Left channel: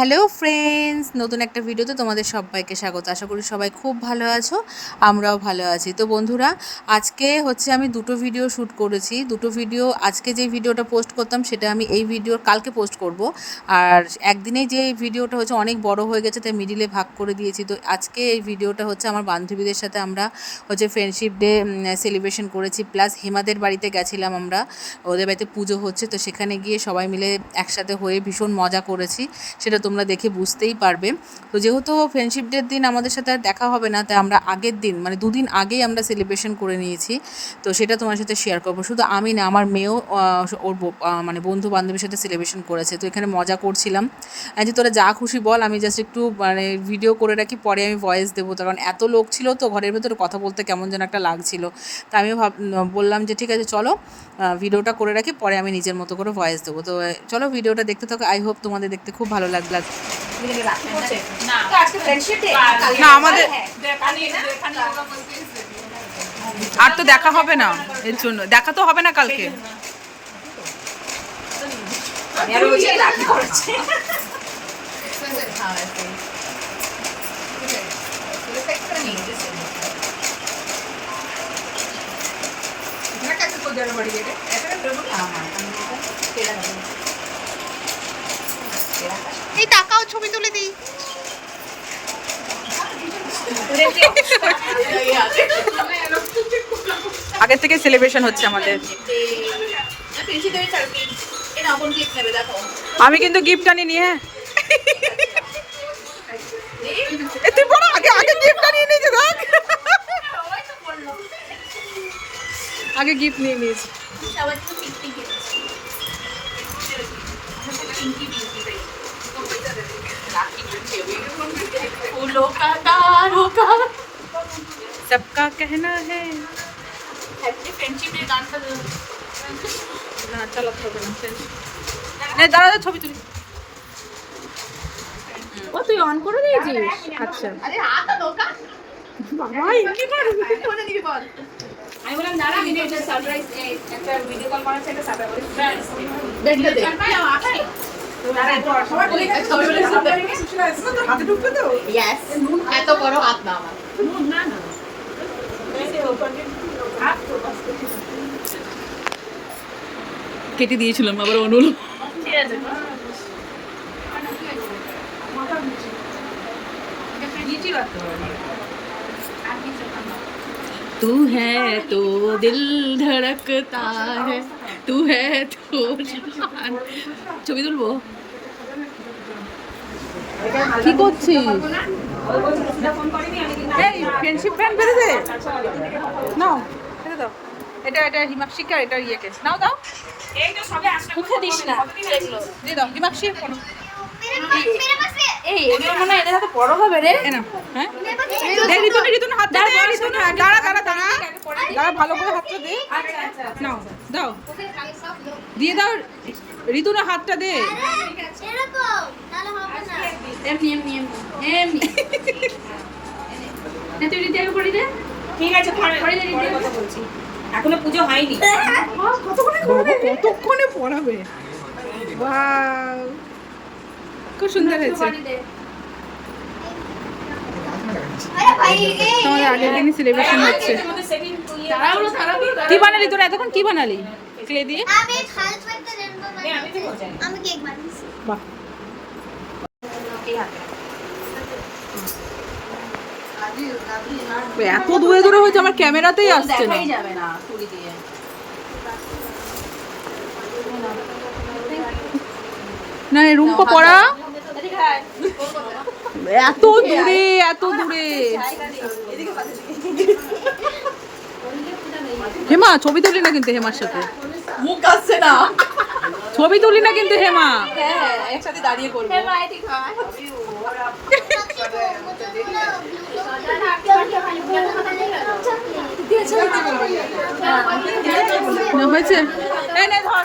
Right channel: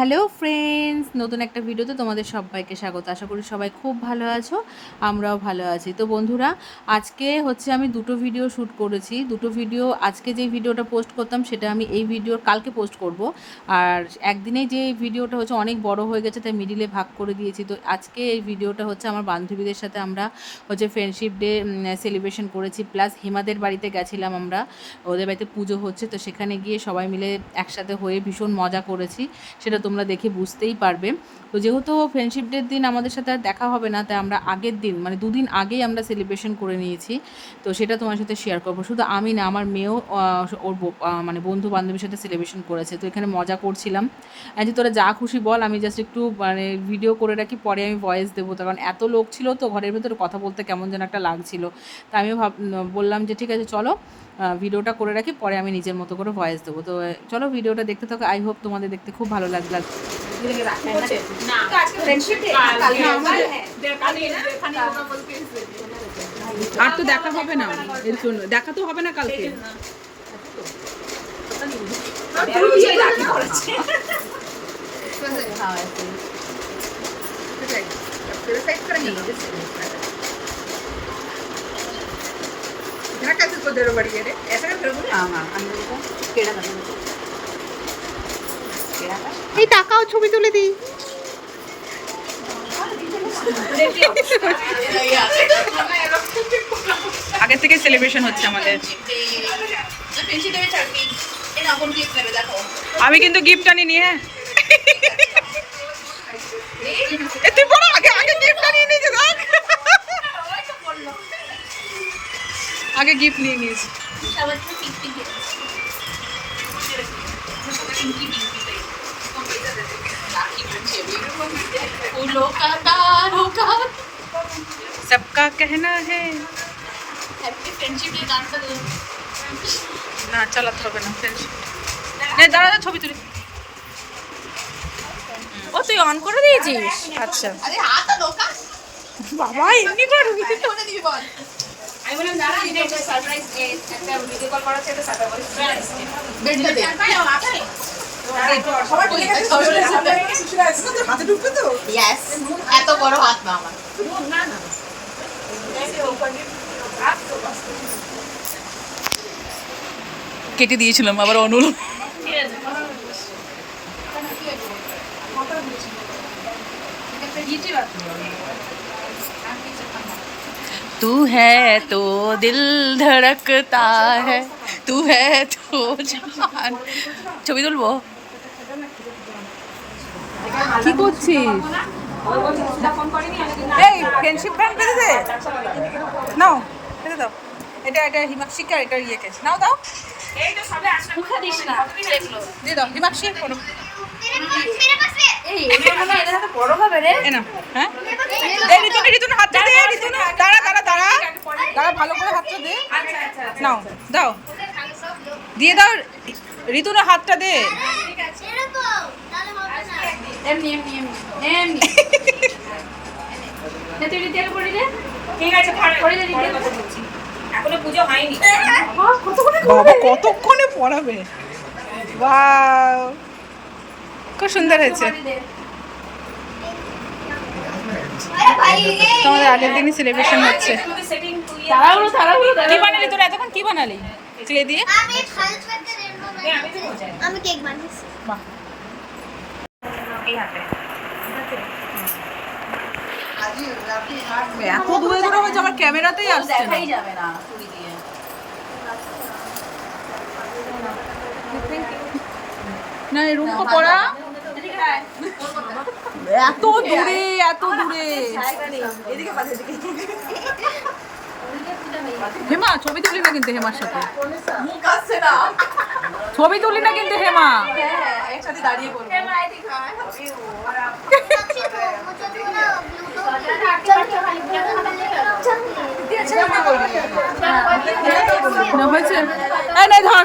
Hello friends, নতুন একটা ভিডিওতে তোমাদের সবাইকে স্বাগত। আশা করি সবাই খুব ভালো আছো, আমরাও ভালো আছি। তো বন্ধুরা, আজকে হচ্ছে আমি দুটো ভিডিও শ্যুট করেছি। দুটো ভিডিও, আজকে যে ভিডিওটা পোস্ট করতাম সেটা আমি এই ভিডিওর কালকে পোস্ট করব। আর একদিনেই যে ভিডিওটা হচ্ছে অনেক বড় হয়ে গেছে, তাই মিডিলে ভাগ করে দিয়েছি। তো আজকে এই ভিডিওটা হচ্ছে আমার বান্ধবীদের সাথে আমরা হচ্ছে ফ্রেন্ডশিপ ডে সেলিব্রেশন করেছি, প্লাস হেমাদের বাড়িতে গেছিলাম আমরা, ওদের বাড়িতে পুজো হচ্ছে। তো সেখানে গিয়ে সবাই মিলে একসাথে হয়ে ভীষণ মজা করেছি, সেটা তোমরা দেখে বুঝতেই পারবে। তো যেহেতু ফ্রেন্ডশিপ ডের দিন আমাদের সাথে আর দেখা হবে না, তাই আমরা আগের দিন মানে দুদিন আগেই আমরা সেলিব্রেশন করে নিয়েছি। তো সেটা তোমার সাথে শেয়ার করবো। শুধু আমি না, আমার মেয়েও ওর মানে বন্ধু বান্ধবীর সাথে সেলিব্রেশন করেছে। তো এখানে মজা করছিলাম যে তোরা যা খুশি বল, আমি জাস্ট একটু মানে ভিডিও করে রাখি, পরে আমি ভয়েস দেবো। কারণ এত লোক ছিল তো ঘরের ভেতরে কথা বলতে কেমন যেন একটা লাগছিল। তা আমিও বললাম যে ঠিক আছে চলো ভিডিওটা করে রাখি, পরে আমি নিজের মতো করে ভয়েস দেবো। তো চলো ভিডিওটা দেখতে থাকো, আই হোপ তোমাদের দেখতে খুব ভালো লাগবে। না আমাদের আর তো দেখা হবে না, এর জন্য দেখা তো হবে না কালকে। এই টাকাও ছবি তুলে দিই। আগের থেকে সেলিব্রেশন হচ্ছে আমাদের। আমি কিন্তু গিফট আনিনি। হ্যাঁ তুই বড় আগে আগে গিফট আনিয়ে নিয়েছে। দেখ আগে গিফট নিয়ে নিয়েছি। सबका कहना है না চালাতে হবে না ফ্রেন্ডশিপ। দাঁড়া ছবি তুলি। ও তুই অন করে দিয়েছিস? আচ্ছা বাবা এমনি পারবি? আমি বললাম দাঁড়া, এটা একটা সারপ্রাইজ, একটা ভিডিও কল করা আছে, একটা সারপ্রাইজ বেডটা দে আপনি হাতে ঢুকবে তো। ইয়েস, এত বড় হাত না আমার। না না কেটে দিয়েছিলাম আবার অনুল। तू है तो दिल धड़कता है, तू है तो जान। ছবি তুলবো? কি করছিস? এই ফ্রেন্ডশিপ ব্যান্ড বেঁধে দে। নাও বেঁধে দাও। এটা এটা হিমাক্ষিকার, এটা ইয়েকে নাও দাও। এই তো সবে আসলে মুখে দিস না, দিয়ে দাও হিমাক্ষি করো। এই এটা এটা তো বড় হবে রে। এনা হ্যাঁ দে ঋতুন হাতটা দে। ঋতুন দাঁড়া দাঁড়া দাঁড়া দাঁড়া, ভালো করে হাতটা দে। আচ্ছা আচ্ছা নাও দাও, দিয়ে দাও ঋতুন হাতটা দে। এমনি এমনি এমনি না, তুই রিতেল করে দে। ঠিক আছে করে দে রিতেল। এখনো পূজো হয়নি। বাবা কতক্ষণে পড়াবে। ওয়াও খুব সুন্দর হয়েছে। তোমাদের আগের দিনই সেলিব্রেশন হচ্ছে। কি বানালি তোরা এতক্ষণ? কি বানালি ক্লে দিয়ে? আমি কেক বানিয়েছি। বাহ এত দূরে দূরে হয়েছে, আমার ক্যামেরাতেই আসছে না। না এই রুমকো পড়া এত দূরে এত দূরে। হেমা ছবি তুলি না কিন্তু, হেমার সাথে মুখ আসছে না, ছবি তুলি না কিন্তু হেমা। একসাথে দাঁড়িয়ে পড়বো। হয়েছে ধর,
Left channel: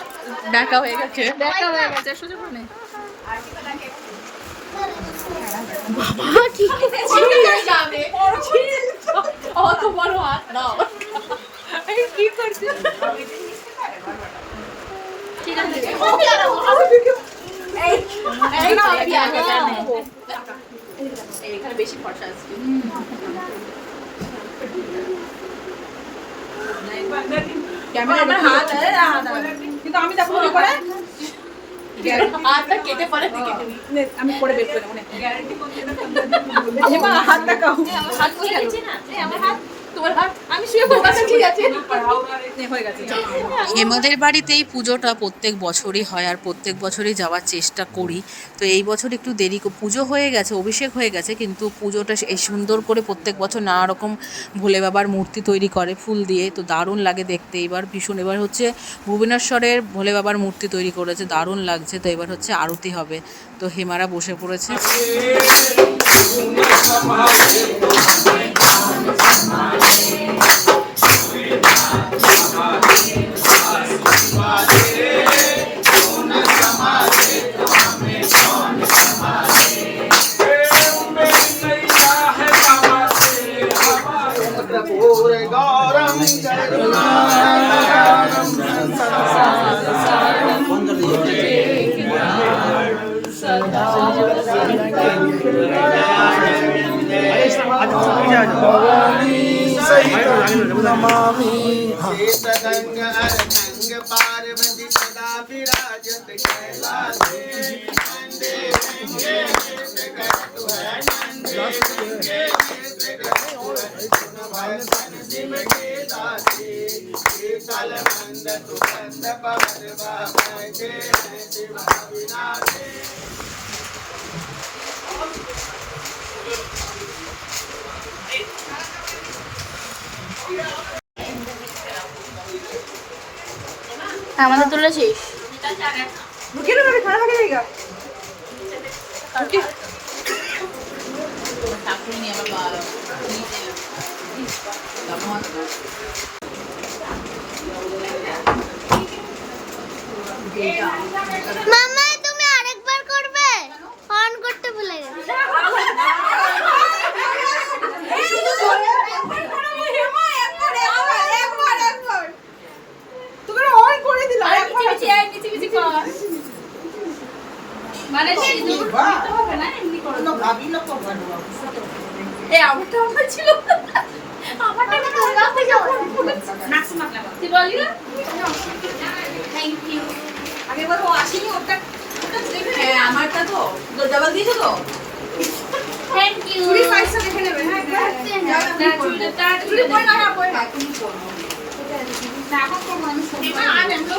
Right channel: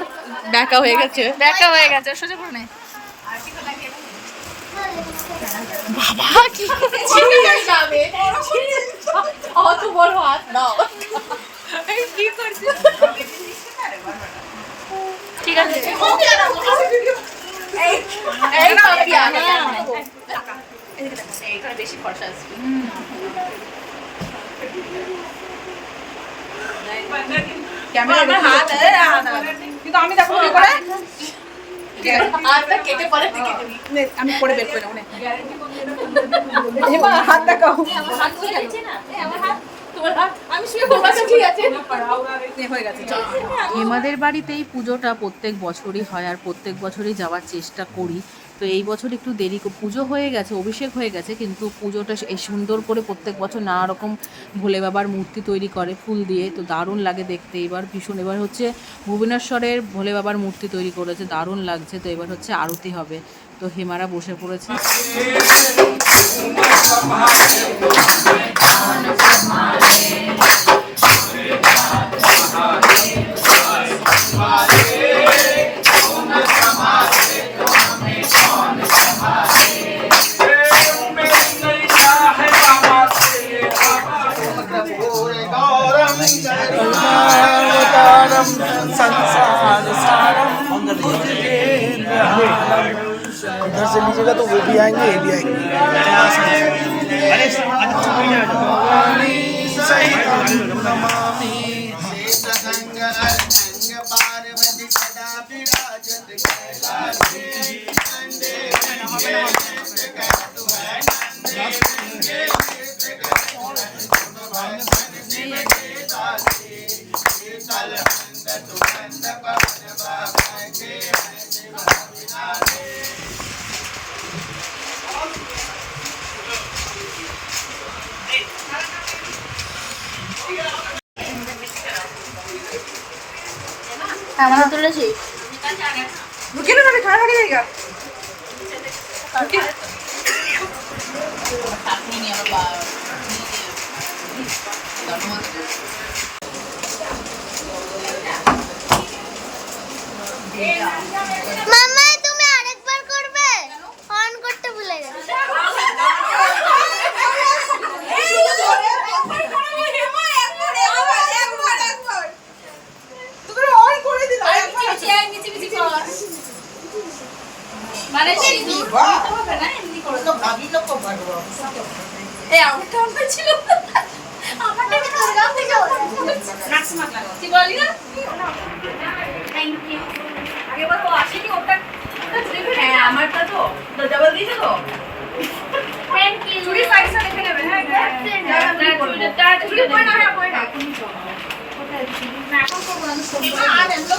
দেখা হয়ে গেছে, দেখা হয়ে গেছে। সোজা করে নে বাবা। কি অত বড় হাত নাও। কি করছিস? ঠিক আছে বেশি ফর্সা আসবে। ক্যামেরা আমার হাত কিন্তু আমি দেখো কি করে হাতটা কেটে পরে কেটে দিই। আমি পরে বের করে নেবো নে। গ্যারান্টি কোন যেটা হেমা হাত দেখাও। আমার হাত হয়ে গেছে না, আমার হাত তোমার হাত আমি শুয়ে পড়ব, ঠিক আছে হয়ে গেছে। হেমাদের বাড়িতেই পুজোটা প্রত্যেক বছরই হয় আর প্রত্যেক বছরই যাওয়ার চেষ্টা করি। তো এই বছর একটু দেরি পুজো হয়ে গেছে, অভিষেক হয়ে গেছে, কিন্তু পুজোটা এই সুন্দর করে প্রত্যেক বছর নানা রকম ভোলে বাবার মূর্তি তৈরি করে ফুল দিয়ে, তো দারুণ লাগে দেখতে। এবার ভীষণ, এবার হচ্ছে ভুবনেশ্বরের ভোলে বাবার মূর্তি তৈরি করেছে, দারুণ লাগছে। তো এবার হচ্ছে আরতি হবে, তো হেমারা বসে পড়েছে। इधर से लीजिएगा तो वो भी आएंगे ये भी आएंगे। अरे सही नमामि पार्वती सदा विराजत कैलाशे আমাদের তুলেছিস रुकिए ना, खाना खा के जाएगा। মাম্মা তুমি আরেকবার করবে, অন করতে ভুলে গেছি। মানে সিঁদুর হবে না, এমনি করে তো ভাবিলো কো পারবো। আমারটা আমার ছিল, আমারটা একটু লাগাতে যাও, ম্যাক্সিমাম লাগাও। কি বলি না, থ্যাংক ইউ। আগেবার ও আসেনি, ওটা হ্যাঁ আমারটা তো ডাবল দিয়েছে তো। Thank you. চুরি পয়সা রেখে নেবে। হ্যাঁ চুরিটা চুরি পয়সা না পয়সা এখনই করব না, এখন করব আমি ফোন করে আনেন তো।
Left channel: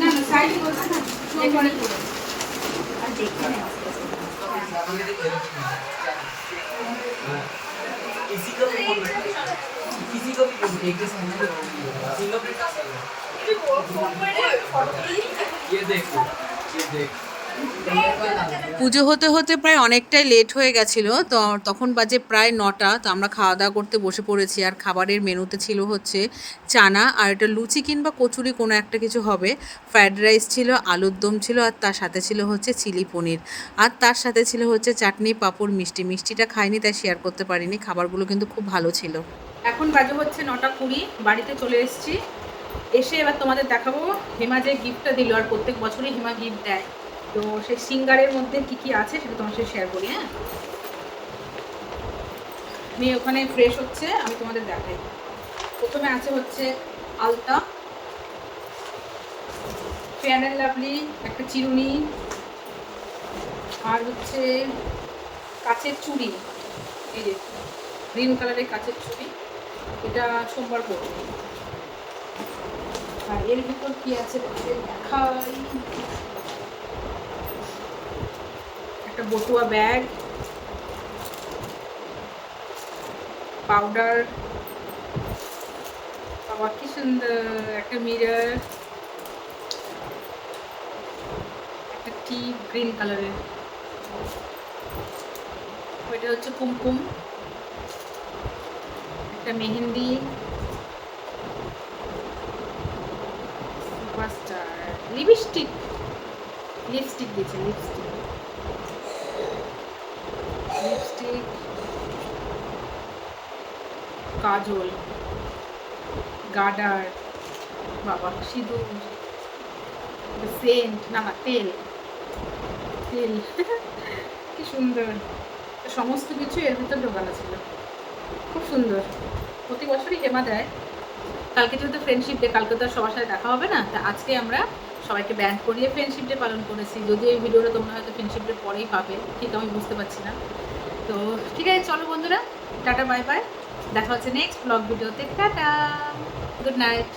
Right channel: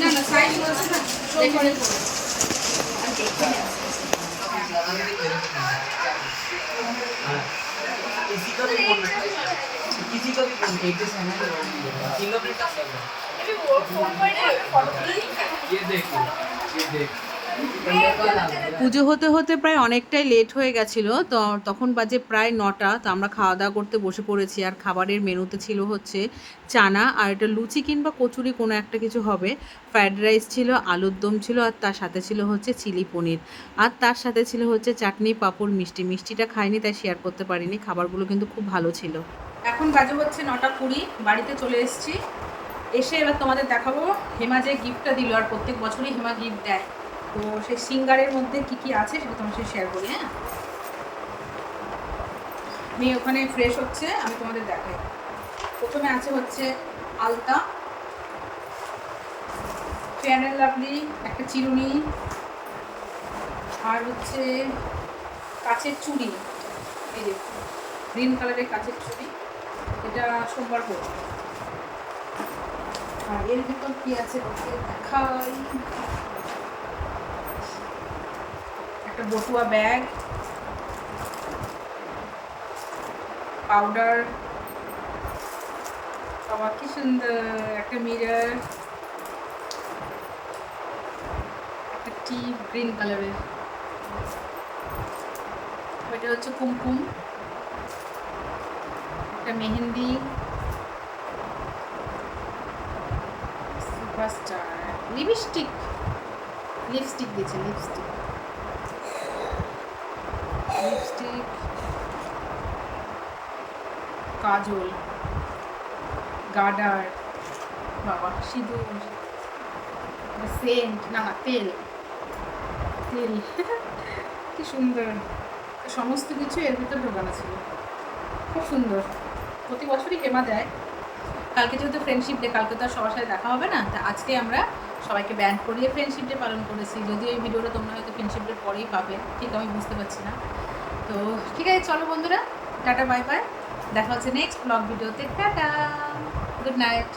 না না সাইজ করতে না, এখানে করে किसी को भी पेजेस है ना, फिंगरप्रिंट का ये देखो, ये देख পুজো হতে হতে প্রায় অনেকটাই লেট হয়ে গেছিলো, তো তখন বাজে প্রায় 9টা। তো আমরা খাওয়া দাওয়া করতে বসে পড়েছি। আর খাবারের মেনুতে ছিল হচ্ছে চানা আর এটা লুচি কিংবা কচুরি কোনো একটা কিছু হবে, ফ্রায়েড রাইস ছিল, আলুর দম ছিল, আর তার সাথে ছিল হচ্ছে চিলি পনির, আর তার সাথে ছিল হচ্ছে চাটনি, পাঁপড়, মিষ্টি। মিষ্টিটা খাইনি তাই শেয়ার করতে পারিনি। খাবারগুলো কিন্তু খুব ভালো ছিল। এখন বাজে হচ্ছে 9:20, বাড়িতে চলে এসেছি। এসে এবার তোমাদের দেখাবো হেমা যে গিফটটা দিল, আর প্রত্যেক বছরই হেমা গিফট দেয়। তো সেই সিঙ্গারের মধ্যে কি কি আছে সেটা তোমার সাথে শেয়ার করি। হ্যাঁ, আমি ওখানে ফ্রেশ হচ্ছে, আমি তোমাদের দেখাই। প্রথমে আছে হচ্ছে আলতা, ফেয়ার অ্যান্ড লাভলি, একটা চিরুনি, আর হচ্ছে কাচের চুড়ি। এই যে গ্রিন কালারের কাচের চুড়ি, এটা সোমবার পরবো। আর এর ভিতর কি আছে দেখাই, একটা বটুয়া ব্যাগ, পাউডার, বাবা কি সুন্দর, একটা মিরর, একটা টিপ গ্রিন কালারের, ওইটা হচ্ছে কুমকুম, একটা মেহেন্দি, সুপারস্টার, লিপস্টিক দিয়েছে, লিপস্টিক, কাজল, গার্ডার, বাবা সিঁদুর, সেন্ট, না তেল কি সুন্দর, সমস্ত কিছু এর ভিতর ঢোকানো ছিল। খুব সুন্দর, প্রতি বছরই হেমা দেয়। কালকে যেহেতু ফ্রেন্ডশিপ ডে, কালকে তো আর সবার সাথে দেখা হবে না, তা আজকে আমরা সবাইকে ব্যান্ড করিয়ে ফ্রেন্ডশিপ ডে পালন করেছি। যদিও এই ভিডিওটা তোমরা হয়তো ফ্রেন্ডশিপ ডে পরেই পাবে, ঠিক আমি বুঝতে পারছি না। তো ঠিক আছে, চলো বন্ধুরা, টাটা বাই বাই, দেখা হচ্ছে নেক্সট ব্লগ ভিডিওতে। Tata, good night.